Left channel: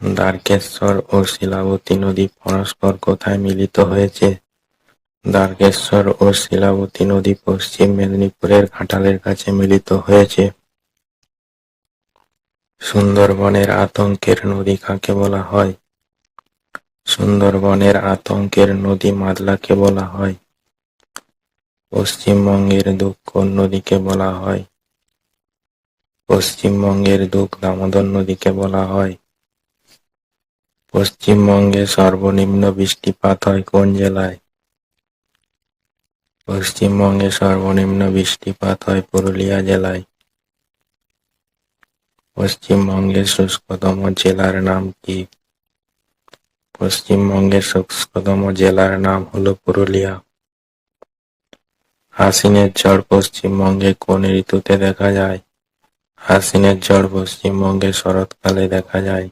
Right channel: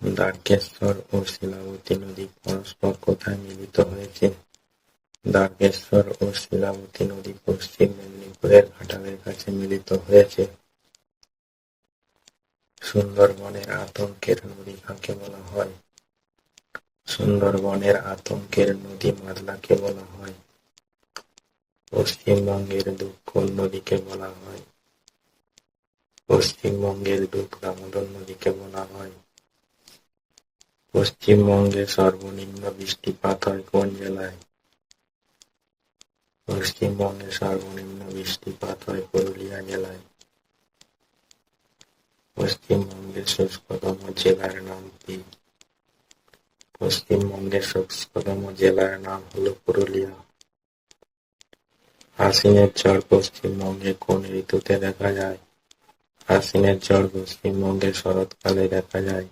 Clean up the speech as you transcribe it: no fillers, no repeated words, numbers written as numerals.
দ্বারকেশ্বর ও শিলাবতী নদী পরস্পর কোথায় মিলিত হয়েছে? দ্বারকেশ্বর ও শিলাবতী নদী পশ্চিম মেদিনীপুরের ঘাটালের কাছে মিলিত হয়েছে। সুন্দরবনের আতঙ্কের নদী কাকে বলা হয়? সুন্দরবনের আতঙ্কের নদী মাদলাকে বলা হয়। পশ্চিমবঙ্গের দুঃখ কোন নদীকে বলা হয়? পশ্চিমবঙ্গের দুঃখ দামোদর নদীকে বলা হয়। পশ্চিমবঙ্গে সর্বনিম্ন বৃষ্টিপাত হয় কোন জেলায়? পশ্চিমবঙ্গে সর্বনিম্ন বৃষ্টিপাত হয় পুরুলিয়া জেলায়। পশ্চিমবঙ্গের শুষ্কতম জেলার নাম কি? পশ্চিমবঙ্গের শুষ্কতম জেলার নাম হলো পুরুলিয়া। আশ্বিনের ঝড় পশ্চিমবঙ্গে কোন ঋতুতে দেখা যায়? আশ্বিনের ঝড় পশ্চিমবঙ্গে শরৎকালে দেখা যায়।